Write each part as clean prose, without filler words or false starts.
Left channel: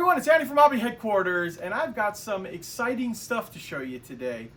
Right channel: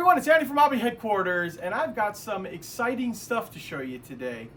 everyone, it's Andy from Hobby Headquarters, and I've got some exciting stuff to show you today.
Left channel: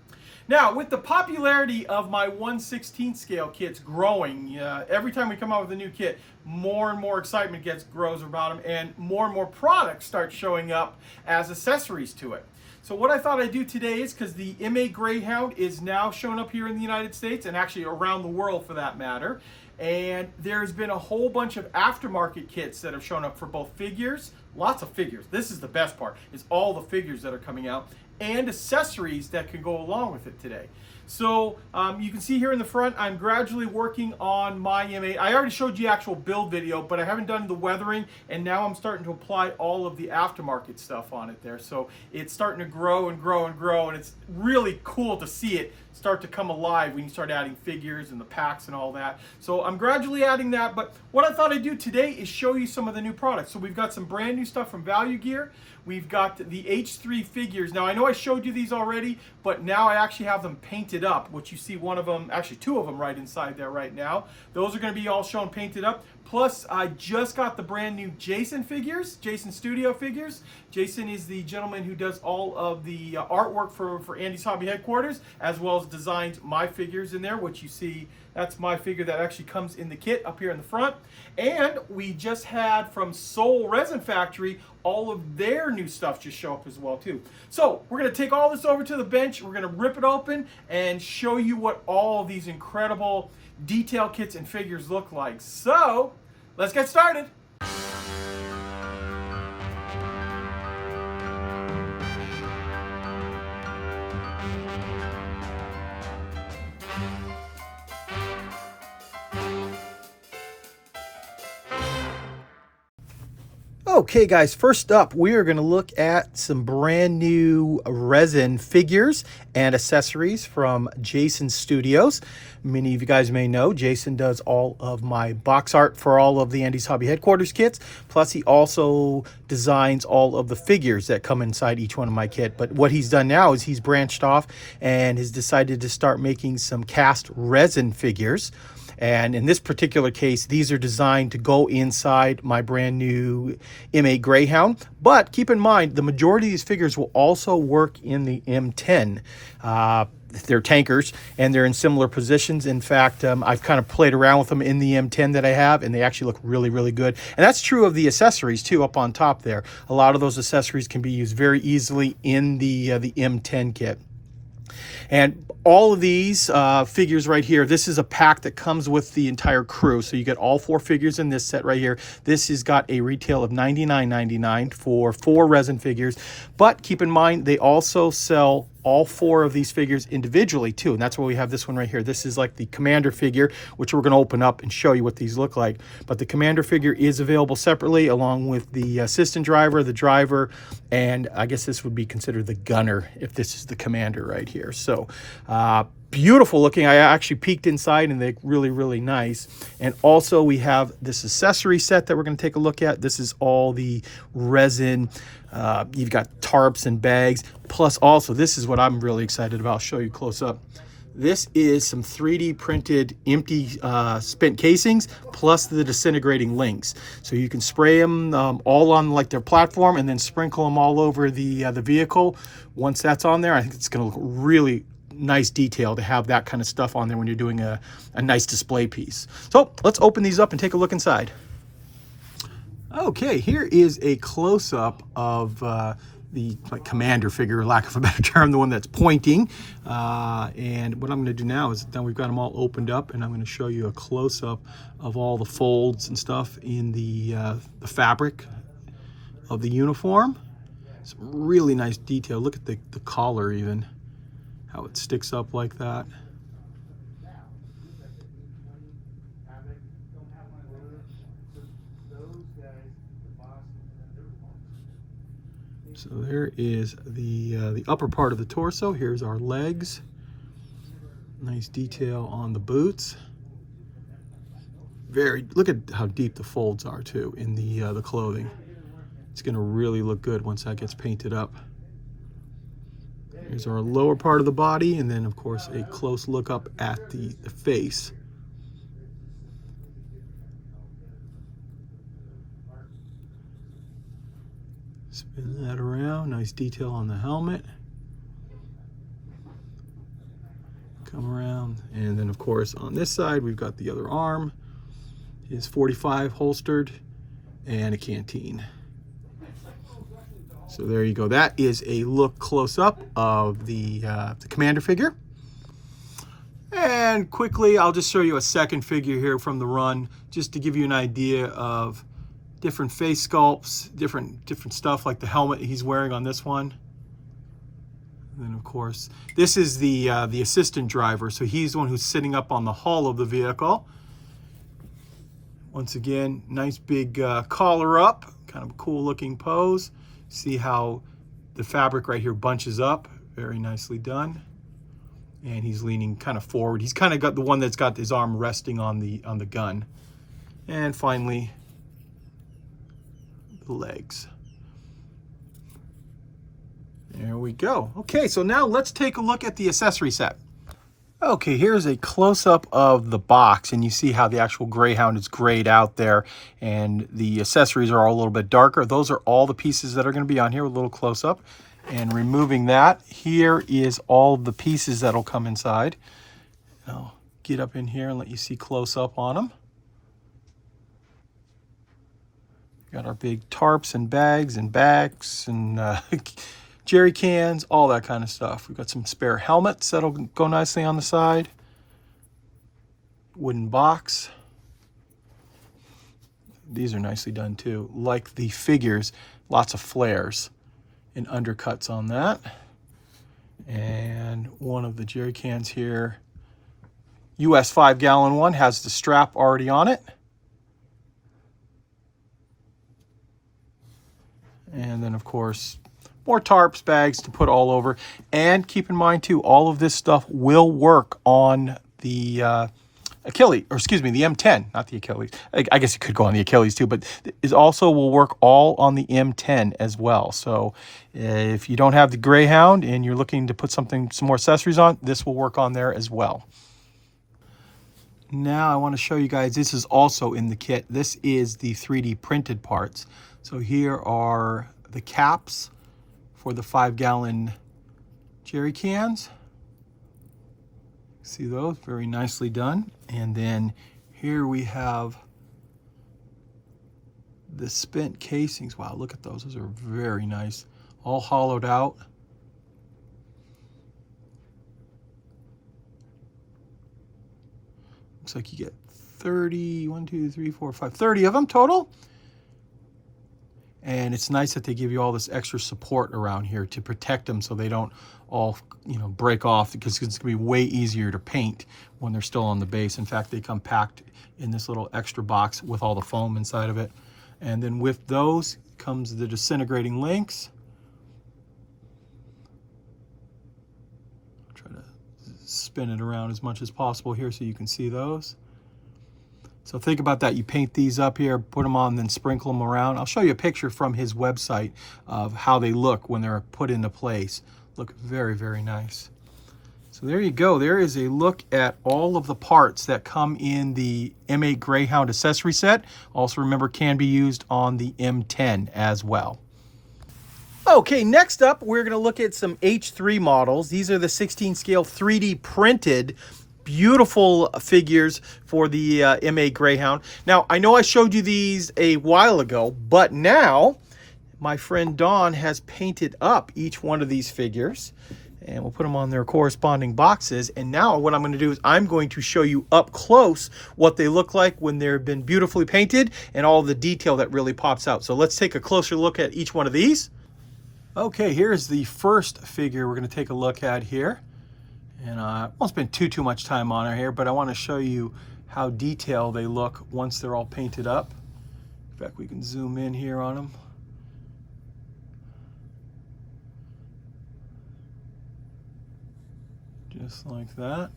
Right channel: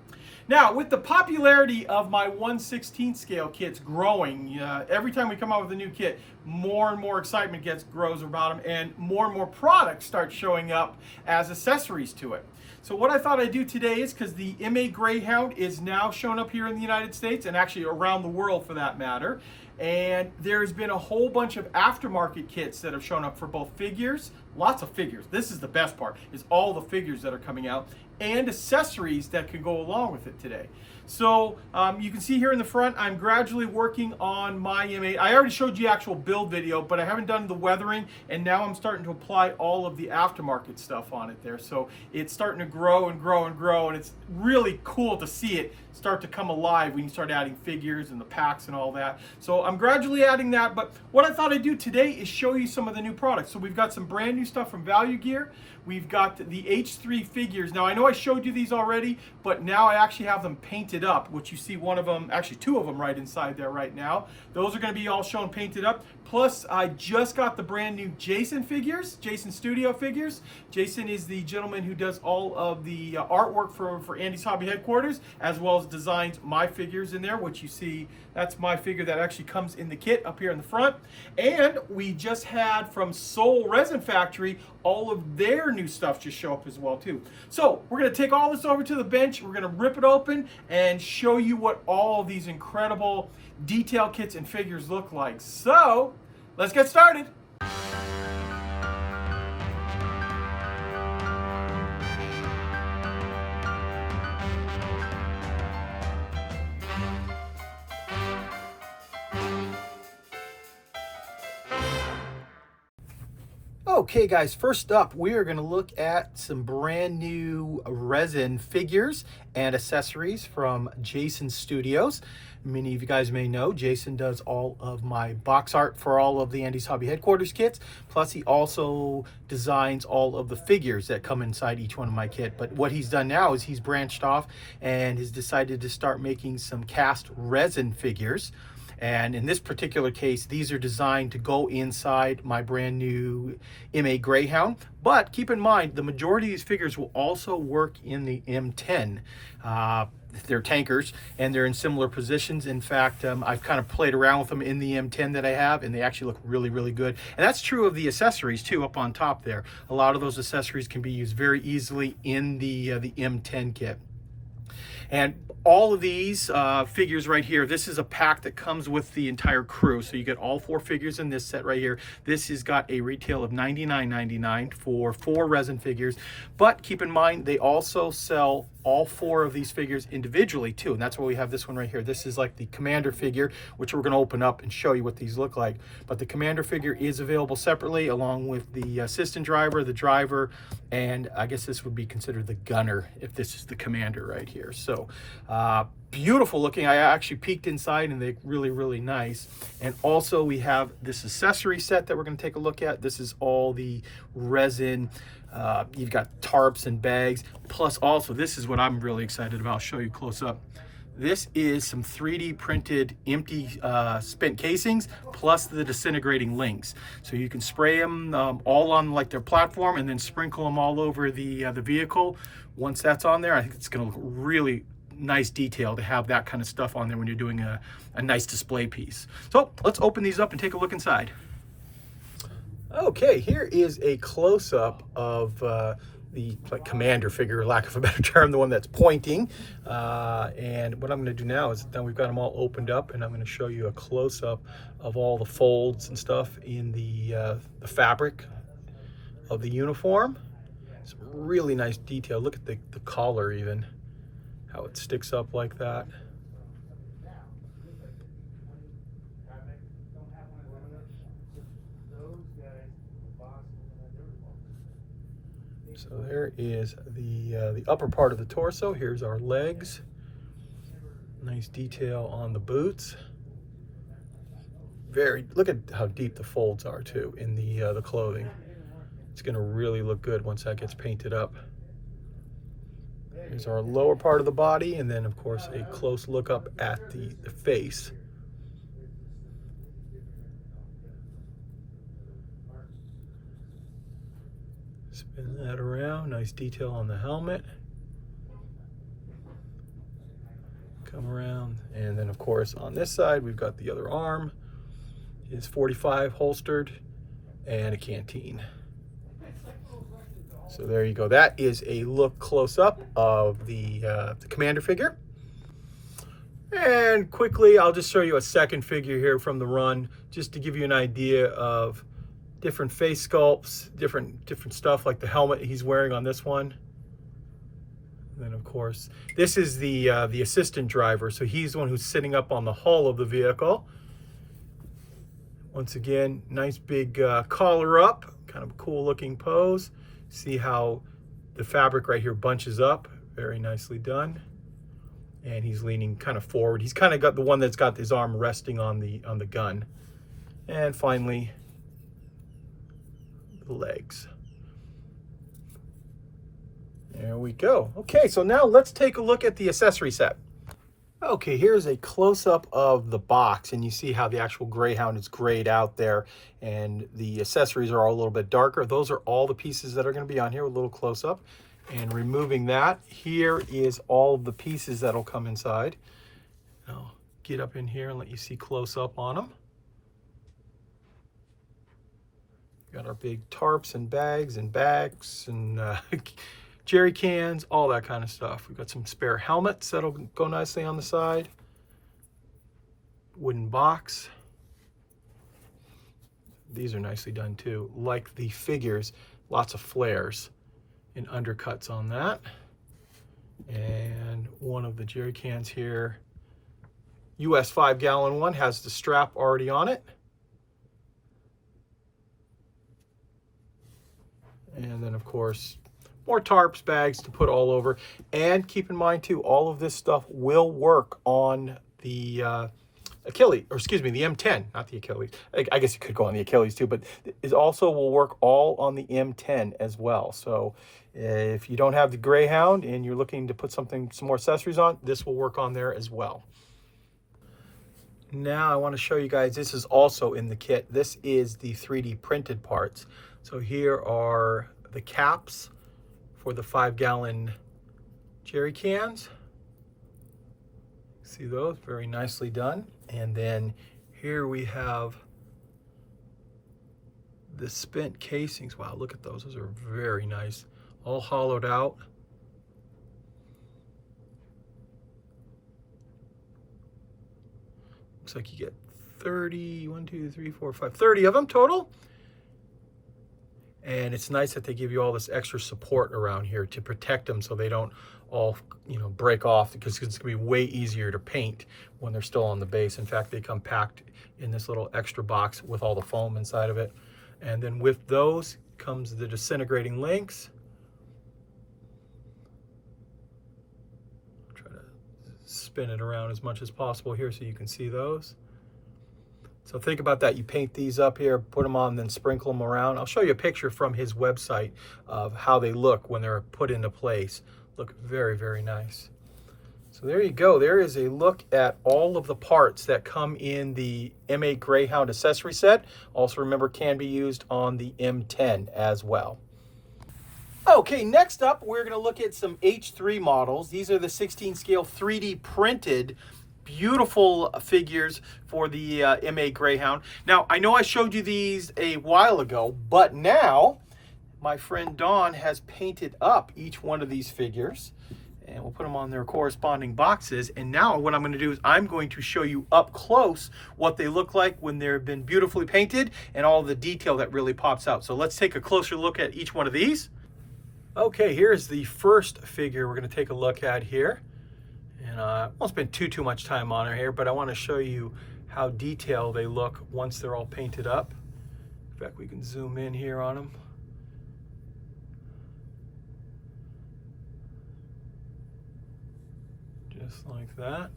Now, with the popularity of my 1/16 scale kits growing, every time we come out with a new kit, more and more excitement grows about them, and more products start showing up as accessories to it. So what I thought I'd do today is, because the M8 Greyhound is now showing up here in the United States, and actually around the world for that matter, and there's been a whole bunch of aftermarket kits that have shown up for both figures, lots of figures. This is the best part, is all the figures that are coming out, and accessories that can go along with it today. So you can see here in the front, I'm gradually working on my M8. I already showed you the actual build video, but I haven't done the weathering, and now I'm starting to apply all of the aftermarket stuff on it there. So it's starting to grow and grow and grow, and it's really cool to see it start to come alive when you start adding figures and the packs and all that. So I'm gradually adding that, but what I thought I'd do today is show you some of the new products. So we've got some brand new stuff from Value Gear. We've got the H3 figures. Now I know I showed you these already, but now I actually have them painted up, which you see one of them, actually two of them right inside there right now. Those are going to be all shown painted up. Plus I just got the brand new Jason figures, Jason Studio figures. Jason is the gentleman who does all of the artwork for Andy's Hobby Headquarters, as well as designs my figures in there, which you see, that's my figure that actually comes in the kit up here in the front. And we just had from Soul Resin Factory all of their new stuff just show up as well too. So we're going to take all this over to the bench, we're going to rip it open and show you what all of these incredible detail kits and figures look like. So let's get started. Okay guys, first up we are going to look at some brand new resin figures and accessories from Jason Studios. Many of you guys may know Jason does all of my box art for all of the Andy's Hobby Headquarters kits, plus he also designs all of the figures that come inside each one of my kit. But what he's done now is he's branched off and has decided to start making some cast resin figures. And in this particular case, these are designed to go inside my brand new M8 Greyhound. But keep in mind, the majority of these figures will also work in the M10. They're tankers, and they're in similar positions. In fact, I've kind of played around with them in the M10 that I have, and they actually look really good. And that's true of the accessories too, up on top there. A lot of those accessories can be used very easily in the M10 kit. And all of these figures right here, this is a pack that comes with the entire crew. So you get all 4 figures in this set right here. This has got a retail of $99.99 for 4 resin figures. But keep in mind, they also sell all 4 of these figures individually too, and that's why we have this one right here. This is like the Commander figure, which we're going to open up and show you what these look like. But the Commander figure is available separately, along with the assistant driver, the driver, and I guess this would be considered the gunner if this is the Commander right here. So beautiful looking. I actually peeked inside and they're really nice. And also we have this accessory set that we're going to take a look at. This is all the resin. You've got tarps and bags, plus also this is what I'm really excited about. I'll show you close up. This is some 3D printed empty spent casings, plus the disintegrating links. So you can spray them all on like their platform and then sprinkle them all over the vehicle. Once that's on there, I think it's going to look really nice detail to have that kind of stuff on there when you're doing a nice display piece. So let's open these up and take a look inside. Okay, here is a close-up of the Commander figure, lack of a better term, the one that's pointing. And what I'm going to do now is, now we've got them all opened up, and I'm going to show you a close-up of all the folds and stuff in the fabric of the uniform. Some really nice detail. Look at the collar even, how it sticks up like that. So there is the upper part of the torso. Here's our legs. Nice detail on the boots. Look at how deep the folds are too in the clothing. It's going to really look good once that gets painted up. Here's our lower part of the body, and then of course a close look up at the face. Spin that around. Nice detail on the helmet. Come around, and then of course on this side we've got the other arm. His 45 holstered and a canteen. So there you go. That is a look close up of the commander figure. And quickly, I'll just show you a second figure here from the run, just to give you an idea of different face sculpts, different stuff, like the helmet he's wearing on this one. And then of course, this is the assistant driver, so he's the one who's sitting up on the hull of the vehicle. Once again, nice big collar up, kind of a cool looking pose. See how the fabric right here bunches up, very nicely done. And he's leaning kind of forward. He's kind of got the one that's got his arm resting on the gun. And finally, the legs. There we go. Okay, so now let's take a look at the accessory set. Okay, here's a close-up of the box, and you see how the actual Greyhound is grayed out there, and the accessories are all a little bit darker. Those are all the pieces that are going to be on here with a little close-up. And removing that, here is all the pieces that'll come inside. I'll get up in here and let you see close-up on them. Got our big tarps and bags and jerry cans, all that kind of stuff. We've got some spare helmets that'll go nicely on the side. Wooden box. These are nicely done too. Like the figures, lots of flares and undercuts on that. And one of the jerry cans here, US 5-gallon one, has the strap already on it. And then of course, more tarps, bags to put all over. And keep in mind too, all of this stuff will work on the Achilles, or excuse me, the M10, not the Achilles. I guess it could go on the Achilles too, but it also will work all on the M10 as well. So if you don't have the Greyhound and you're looking to put some more accessories on, this will work on there as well. Now I want to show you guys, this is also in the kit. This is the 3D printed parts. So here are the caps for the 5-gallon jerry cans. See those? Very nicely done. And then here we have the spent casings. Wow, look at those. Those are very nice. All hollowed out. Looks like you get 30, 30 of them total. And it's nice that they give you all this extra support around here to protect them so they don't all, break off, because it's going to be way easier to paint when they're still on the base. In fact, they come packed in this little extra box with all the foam inside of it. And then with those comes the disintegrating links. Try to spin it around as much as possible here so you can see those. So think about that. You paint these up here, put them on, then sprinkle them around. I'll show you a picture from his website of how they look when they're put into place. Look very, very nice. So there you go. There is a look at all of the parts that come in the M8 Greyhound accessory set. Also remember, can be used on the M10 as well. Okay, next up, we're going to look at some H3 models. These are the 16 scale 3D printed beautiful figures for the M8 Greyhound. Now, I know I showed you these a while ago, but now my friend Dawn has painted up each one of these figures, and we'll put them on their corresponding boxes. And now what I'm going to do is I'm going to show you up close what they look like when they've been beautifully painted and all the detail that really pops out. So let's take a closer look at each one of these. Okay, here's the first figure we're going to take a look at here. And I won't spend too much time on it here, but I want to show you how detailed they look once they're all painted up. In fact, we can zoom in here on them. Just like that.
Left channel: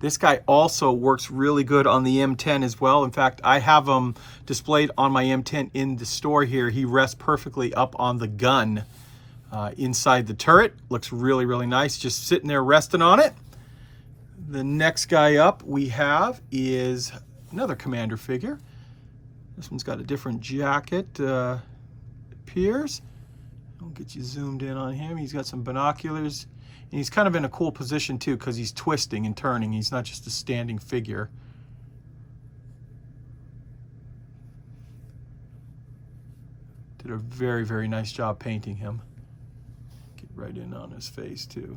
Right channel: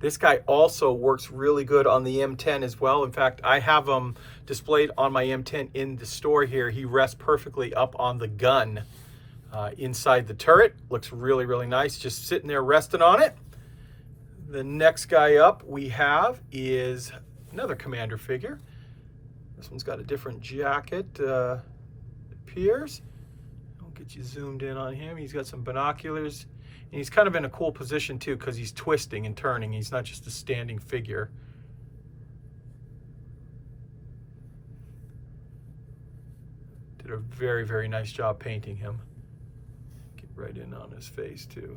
This guy also works really good on the M10 as well. In fact, I have him displayed on my M10 in the store here. He rests perfectly up on the gun. Inside the turret. Looks really, really nice, just sitting there resting on it. The next guy up we have is another commander figure. This one's got a different jacket. appears. I'll get you zoomed in on him. He's got some binoculars, and he's kind of in a cool position too because he's twisting and turning. He's not just a standing figure. Did a very, very nice job painting him. Get right in on his face too.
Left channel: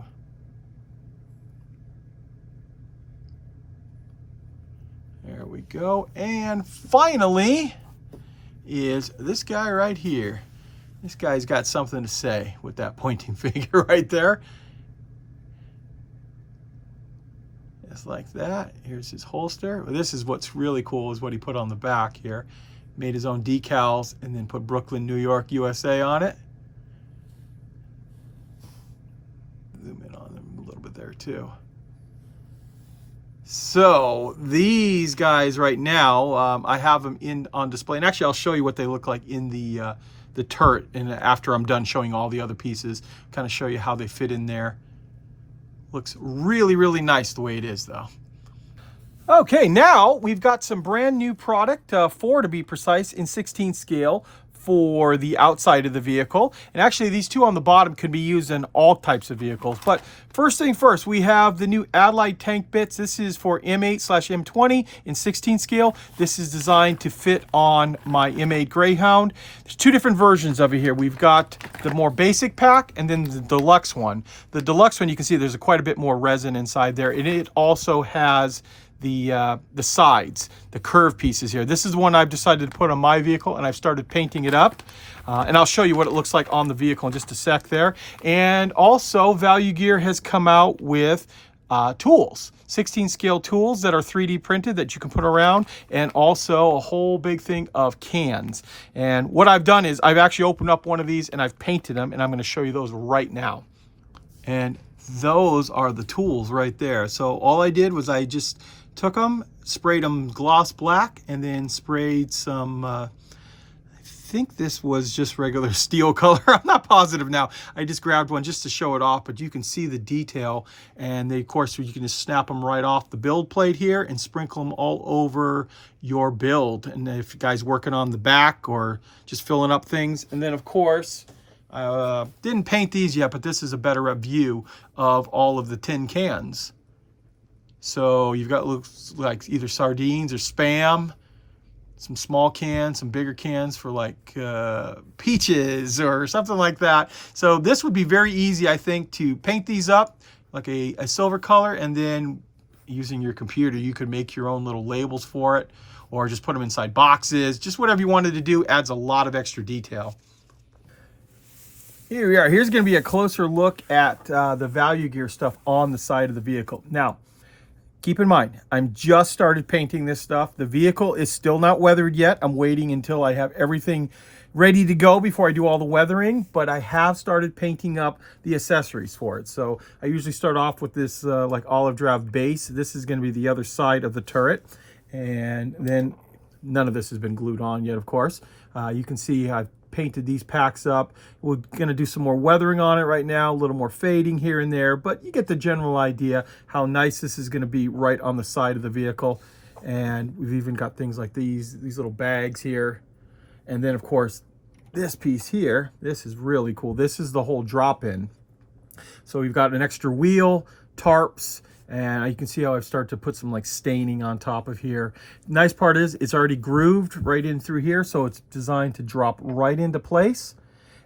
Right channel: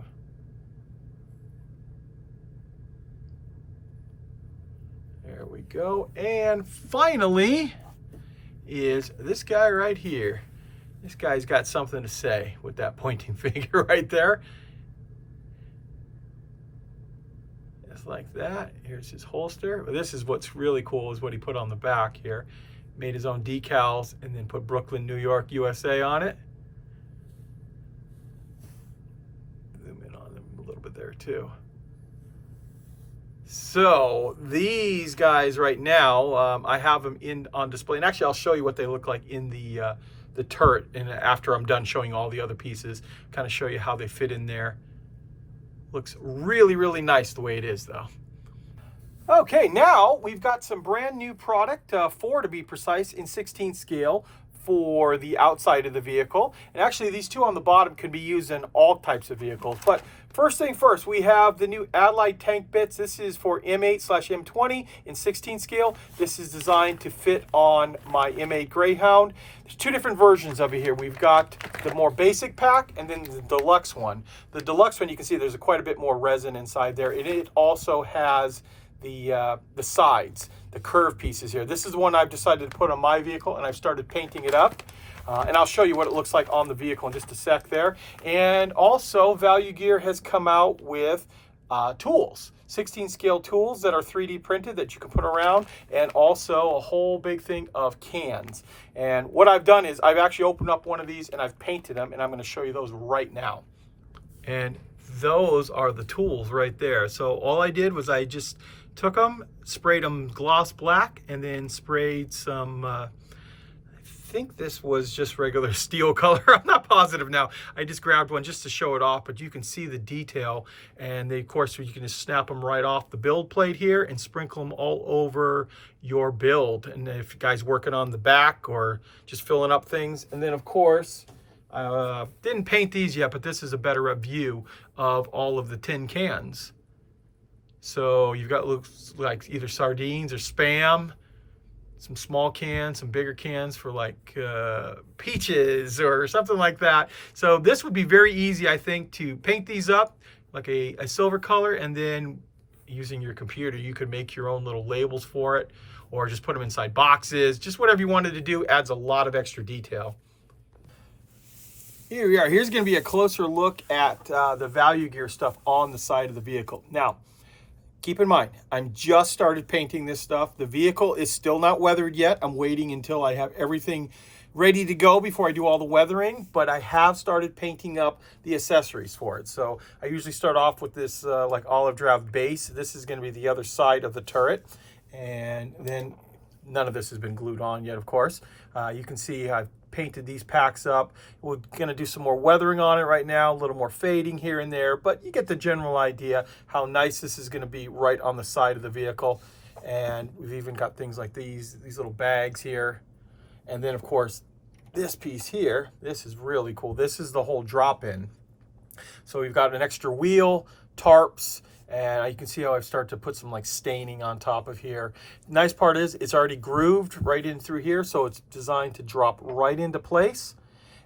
There we go. And finally is this guy right here. This guy's got something to say with that pointing finger right there. Just like that. Here's his holster. Well, this is what's really cool is what he put on the back here. Made his own decals and then put Brooklyn, New York, USA on it. Zoom in on them a little bit there too. So these guys right now, I have them on display, and actually I'll show you what they look like in the turret, and after I'm done showing all the other pieces, kind of show you how they fit in there. Looks really, really nice the way it is though. Okay, now we've got some brand new product, 4 to be precise, in 16 scale for the outside of the vehicle. And actually these 2 on the bottom could be used in all types of vehicles. But first thing first, we have the new Adelaide tank bits. This is for M8/M20 in 16 scale. This is designed to fit on my M8 Greyhound. There's 2 different versions of it here. We've got the more basic pack and then the deluxe one. The deluxe one, you can see there's quite a bit more resin inside there. And it also has the sides, the curved pieces here. This is one I've decided to put on my vehicle, and I've started painting it up. And I'll show you what it looks like on the vehicle in just a sec there. And also, Value Gear has come out with tools, 16 scale tools that are 3D printed that you can put around, and also a whole big thing of cans. And what I've done is I've actually opened up one of these and I've painted them, and I'm going to show you those right now. And those are the tools right there. So all I did was I just took them, sprayed them gloss black, and then sprayed some, I think this was just regular steel color. I'm not positive now. I just grabbed one just to show it off, but you can see the detail. And they, of course, you can just snap them right off the build plate here and sprinkle them all over your build. And if you guys working on the back or just filling up things. And then, of course, didn't paint these yet, but this is a better view of all of the tin cans. So you've got, looks like either sardines or Spam, some small cans, some bigger cans for like peaches or something like that. So this would be very easy, I think, to paint these up like a silver color, and then using your computer, you could make your own little labels for it, or just put them inside boxes. Just whatever you wanted to do, adds a lot of extra detail. Here we are. Here's going to be a closer look at the Value Gear stuff on the side of the vehicle. Now, keep in mind, I'm just started painting this stuff. The vehicle is still not weathered yet. I'm waiting until I have everything ready to go before I do all the weathering, but I have started painting up the accessories for it. So I usually start off with this like olive drab base. This is going to be the other side of the turret, and then none of this has been glued on yet, of course. You can see I've painted these packs up. We're going to do some more weathering on it right now, a little more fading here and there, but you get the general idea how nice this is going to be right on the side of the vehicle. And we've even got things like these little bags here. And then, of course, this piece here, this is really cool. This is the whole drop-in. So we've got an extra wheel, tarps, and you can see how I've started to put some like staining on top of here. Nice part is it's already grooved right in through here, so it's designed to drop right into place.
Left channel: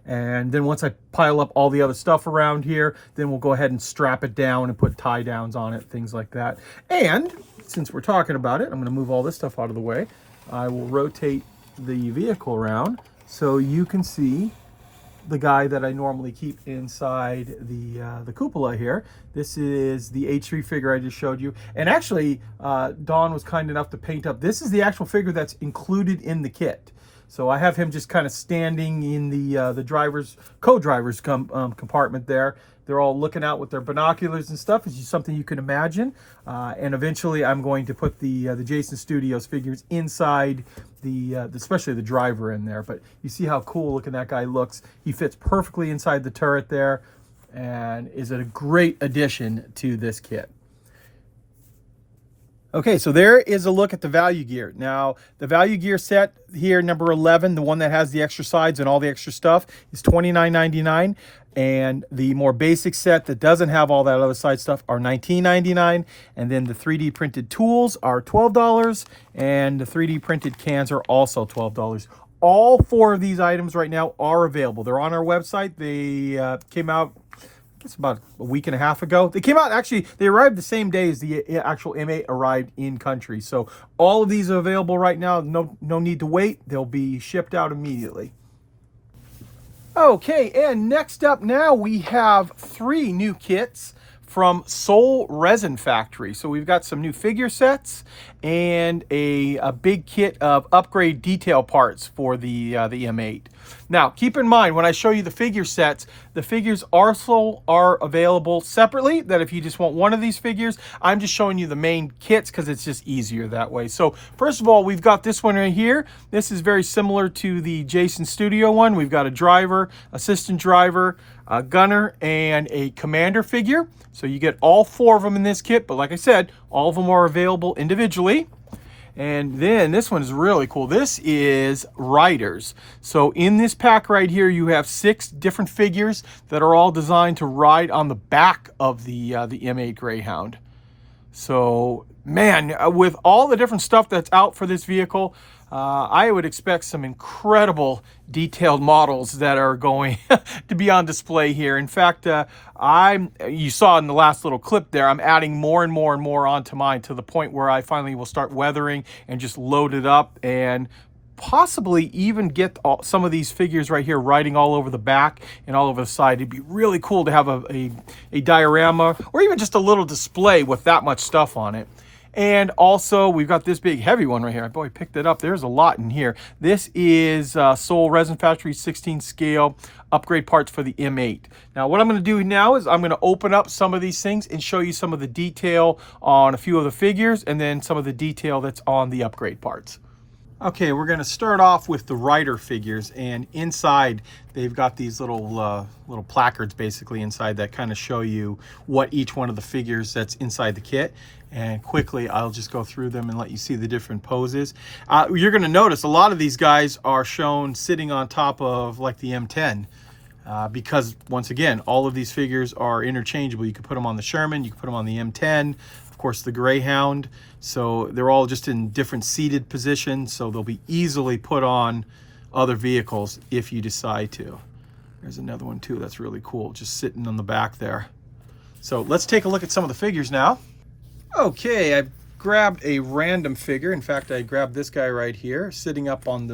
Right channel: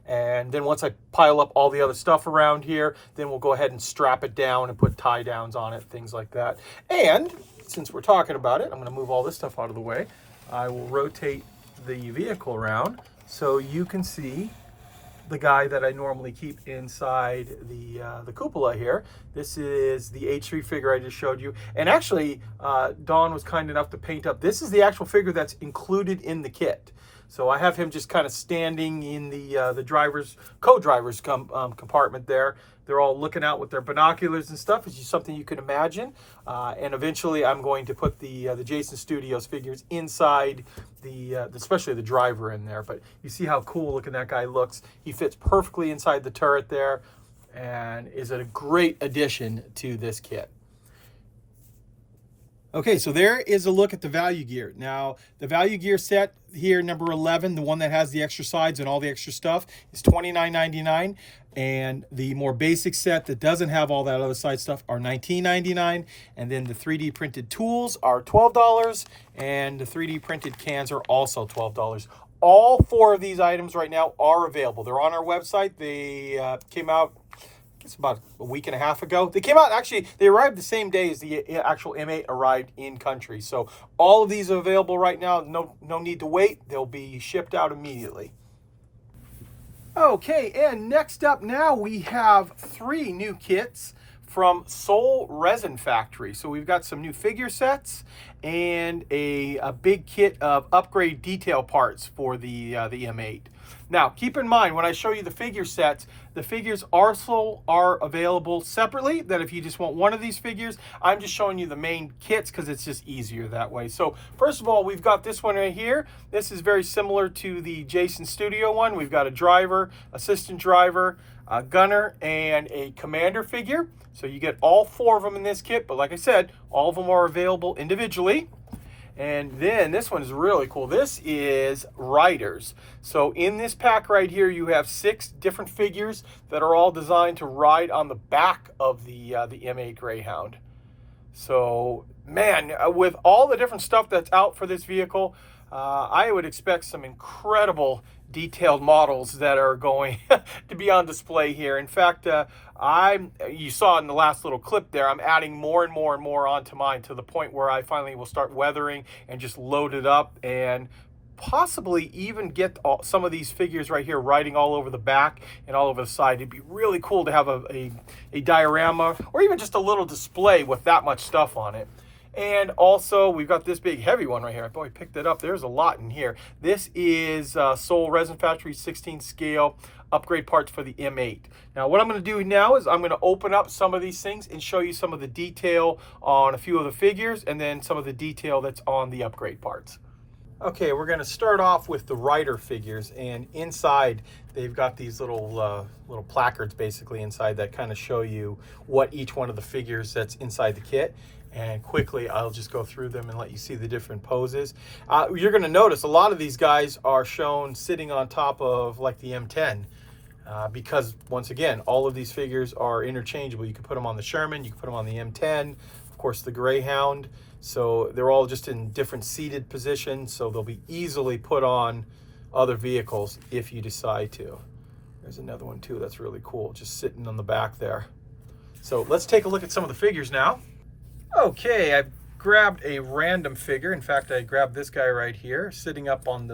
And then once I pile up all the other stuff around here, then we'll go ahead and strap it down and put tie downs on it, things like that. And since we're talking about it, I'm going to move all this stuff out of the way. I will rotate the vehicle around so you can see the guy that I normally keep inside the cupola here. This is the H3 figure I just showed you. And actually, Dawn was kind enough to paint up. This is the actual figure that's included in the kit. So I have him just kind of standing in the driver's, co-driver's compartment there. They're all looking out with their binoculars and stuff. It's just something you can imagine. And eventually I'm going to put the Jason Studios figures inside especially the driver in there. But you see how cool looking that guy looks. He fits perfectly inside the turret there and is a great addition to this kit. Okay, so there is a look at the value gear. Now, the value gear set here, number 11, the one that has the extra sides and all the extra stuff, is $29.99. And the more basic set that doesn't have all that other side stuff are $19.99. And then the 3D printed tools are $12. And the 3D printed cans are also $12. All four of these items right now are available. They're on our website. They came out, it's about a week and a half ago. They came out, actually, they arrived the same day as the actual M8 arrived in country. So all of these are available right now. No need to wait. They'll be shipped out immediately. Okay, and next up now we have 3 new kits from Soul Resin Factory. So we've got some new figure sets and a big kit of upgrade detail parts for the M8. Now, keep in mind, when I show you the figure sets, the figures also are available separately, that if you just want one of these figures, I'm just showing you the main kits because it's just easier that way. So first of all, we've got this one right here. This is very similar to the Jason Studio one. We've got a driver, assistant driver, a gunner, and a commander figure. So you get all 4 of them in this kit, but like I said, all of them are available individually. And then this one is really cool. This is riders. So in this pack right here, you have 6 different figures that are all designed to ride on the back of the M8 Greyhound. So man, with all the different stuff that's out for this vehicle, I would expect some incredible detailed models that are going to be on display here. In fact, you saw in the last little clip there, I'm adding more and more and more onto mine to the point where I finally will start weathering and just load it up and possibly even get some of these figures right here riding all over the back and all over the side. It'd be really cool to have a diorama or even just a little display with that much stuff on it. And also, we've got this big heavy one right here. Boy, I picked it up. There's a lot in here. This is Soul Resin Factory 16 scale upgrade parts for the M8. Now, what I'm going to do now is I'm going to open up some of these things and show you some of the detail on a few of the figures and then some of the detail that's on the upgrade parts. Okay, we're going to start off with the rider figures, and inside they've got these little placards basically inside that kind of show you what each one of the figures that's inside the kit. And quickly, I'll just go through them and let you see the different poses. You're going to notice a lot of these guys are shown sitting on top of like the M10 because, once again, all of these figures are interchangeable. You can put them on the Sherman, you can put them on the M10, of course the Greyhound. So they're all just in different seated positions, so they'll be easily put on other vehicles if you decide to. There's another one too that's really cool, just sitting on the back there. So let's take a look at some of the figures now. Okay, I've grabbed a random figure. In fact, I grabbed this guy right here, sitting up on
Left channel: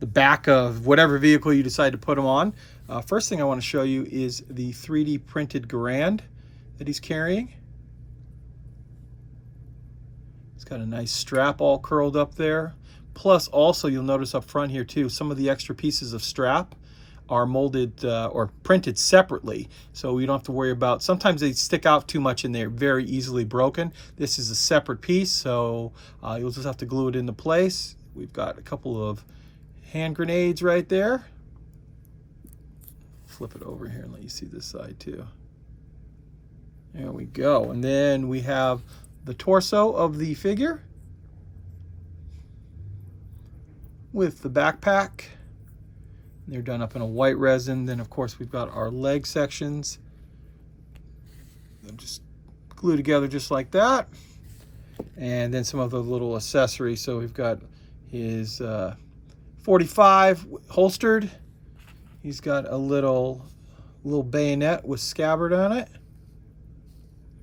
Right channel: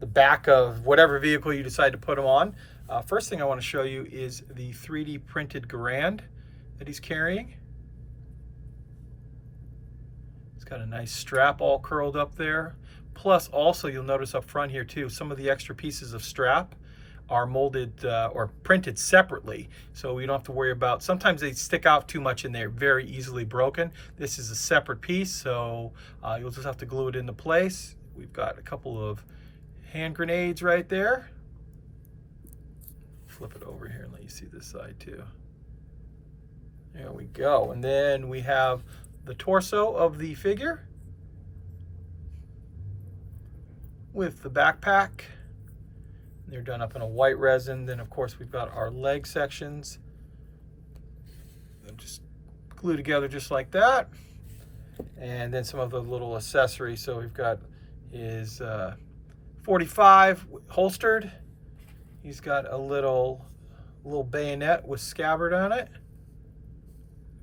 the back of whatever vehicle you decide to put him on. First thing I want to show you is the 3D printed Garand that he's carrying. It's got a nice strap all curled up there. Plus, also, you'll notice up front here too, some of the extra pieces of strap are molded or printed separately, so we don't have to worry about, sometimes they stick out too much and they're very easily broken. This is a separate piece, so you'll just have to glue it into place. We've got a couple of hand grenades right there. Flip it over here and let you see this side too. There we go. And then we have the torso of the figure with the backpack. They're done up in a white resin. Then of course we've got our leg sections. They'll just glue together just like that. And then some of the little accessories. So we've got his 45 holstered. He's got a little bayonet with scabbard on it.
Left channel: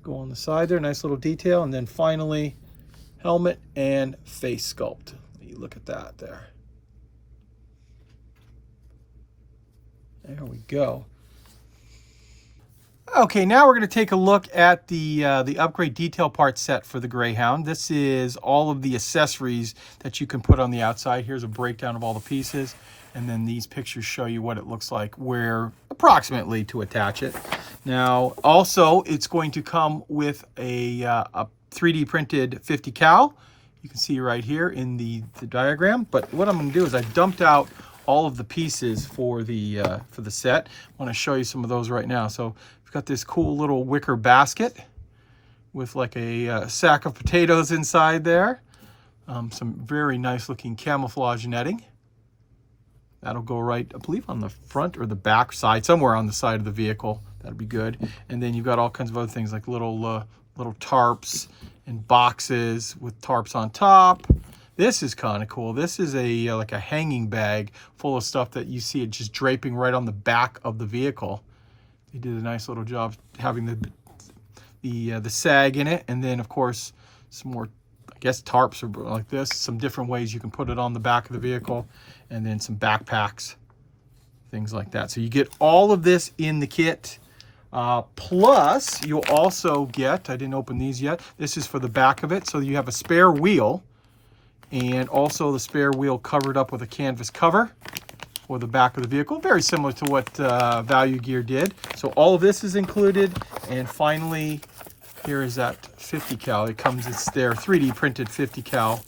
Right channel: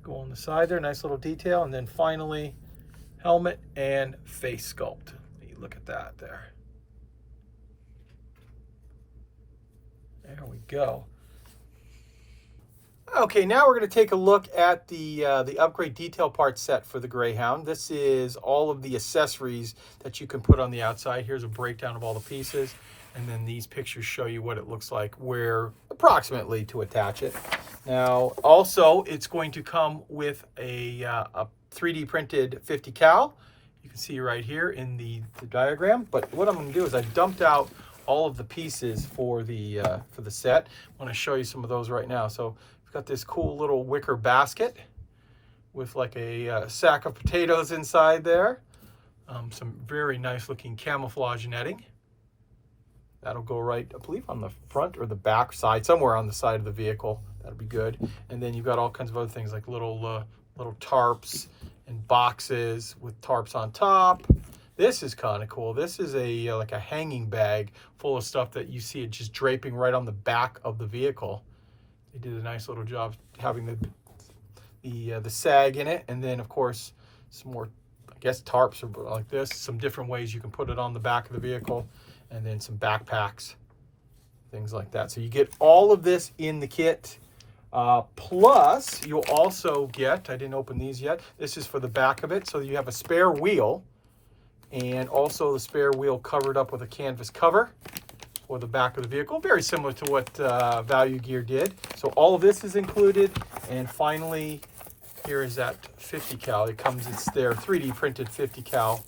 Go on the side there, nice little detail. And then finally, helmet and face sculpt. You look at that there. There we go. Okay, now we're going to take a look at the upgrade detail part set for the Greyhound. This is all of the accessories that you can put on the outside. Here's a breakdown of all the pieces, and then these pictures show you what it looks like, where approximately to attach it. Now, also, it's going to come with a 3D printed 50 cal. You can see right here in the diagram. But what I'm going to do is I've dumped out all of the pieces for the set. I want to show you some of those right now. So we've got this cool little wicker basket with like a sack of potatoes inside there. Some very nice looking camouflage netting. That'll go right, I believe, on the front or the back side, somewhere on the side of the vehicle. That'll be good. And then you've got all kinds of other things like little tarps and boxes with tarps on top. This is kind of cool. This is a like a hanging bag full of stuff that you see it just draping right on the back of the vehicle. They did a nice little job having the sag in it, and then of course some more, I guess, tarps are like this. Some different ways you can put it on the back of the vehicle, and then some backpacks, things like that. So you get all of this in the kit. Plus, you'll also get, I didn't open these yet, this is for the back of it. So you have a spare wheel, and also the spare wheel covered up with a canvas cover for the back of the vehicle. Very similar to what Value Gear did. So all of this is included. And finally, here is that 50 cal. It comes, it's their 3D printed 50 cal.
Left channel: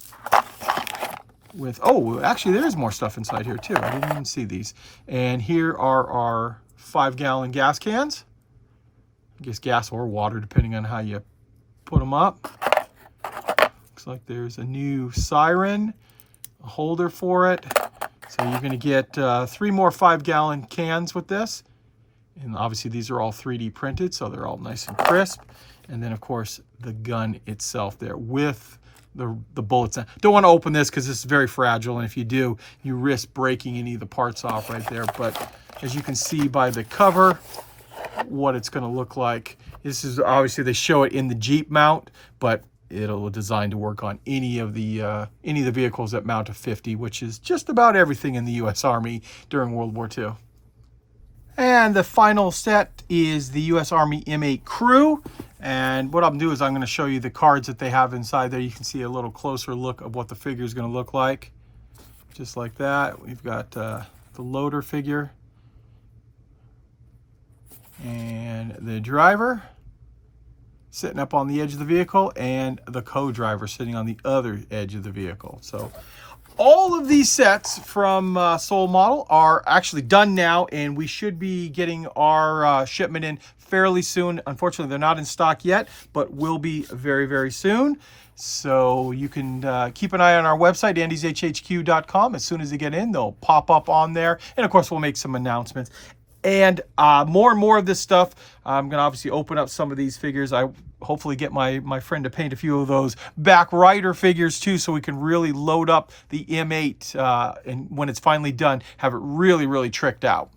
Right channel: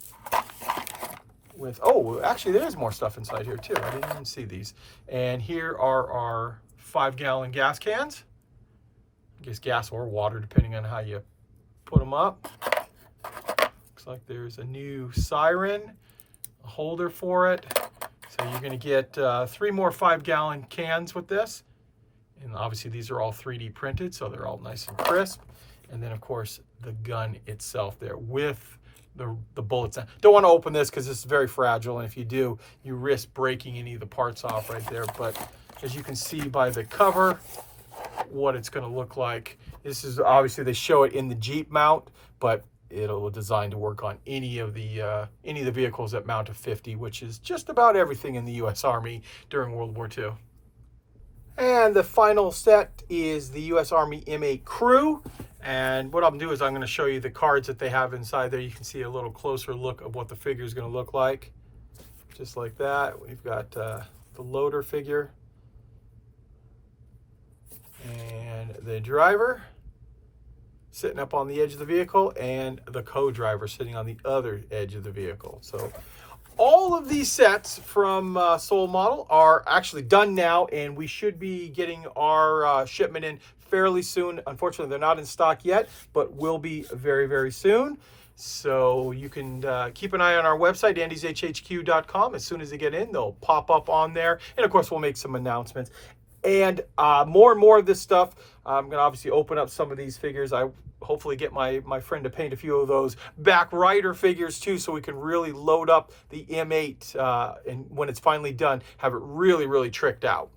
With, oh, actually there's more stuff inside here too. I didn't even see these. And here are our 5-gallon gas cans. I guess gas or water, depending on how you put them up. Looks like there's a new siren, a holder for it. So you're going to get 3 more 5-gallon cans with this. And obviously these are all 3D printed, so they're all nice and crisp. And then of course the gun itself there with the bullets. Don't want to open this because this is very fragile, and if you do, you risk breaking any of the parts off right there. But as you can see by the cover, what it's going to look like. This is obviously, they show it in the Jeep mount, but it'll designed to work on any of the vehicles that mount a 50, which is just about everything in the U.S. Army during World War II. And the final set is the U.S. Army M8 Crew. And what I'm doing is I'm going to show you the cards that they have inside there. You can see a little closer look of what the figure is going to look like. Just like that. We've got the loader figure and the driver sitting up on the edge of the vehicle, and the co-driver sitting on the other edge of the vehicle. So all of these sets from Soul Model are actually done now, and we should be getting our shipment in fairly soon. Unfortunately, they're not in stock yet, but will be very, very soon. So you can keep an eye on our website, andyshhq.com. As soon as they get in, they'll pop up on there. And of course, we'll make some announcements. And more and more of this stuff, I'm going to obviously open up some of these figures. I hopefully get my friend to paint a few of those back rider figures too, so we can really load up the M8 and when it's finally done, have it really, really tricked out.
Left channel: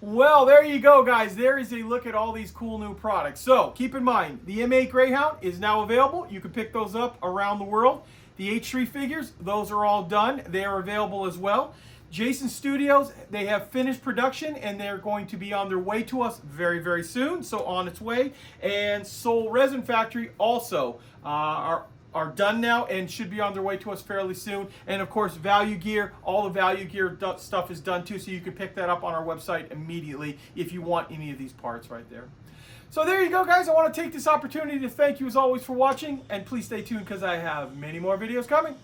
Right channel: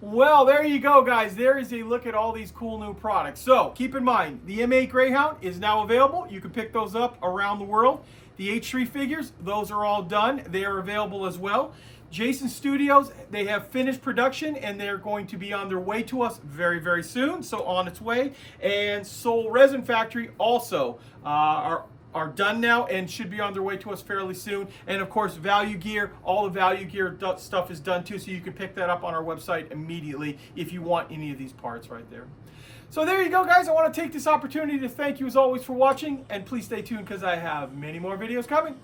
Well, there you go, guys. There is a look at all these cool new products. So keep in mind, the M8 Greyhound is now available. You can pick those up around the world. The H3 figures, those are all done. They are available as well. Jason Studios, they have finished production, and they're going to be on their way to us very, very soon, so on its way. And Soul Resin Factory also are done now and should be on their way to us fairly soon. And of course, Value Gear, all the Value Gear stuff is done too, so you can pick that up on our website immediately if you want any of these parts right there. So there you go, guys. I want to take this opportunity to thank you as always for watching, and please stay tuned because I have many more videos coming.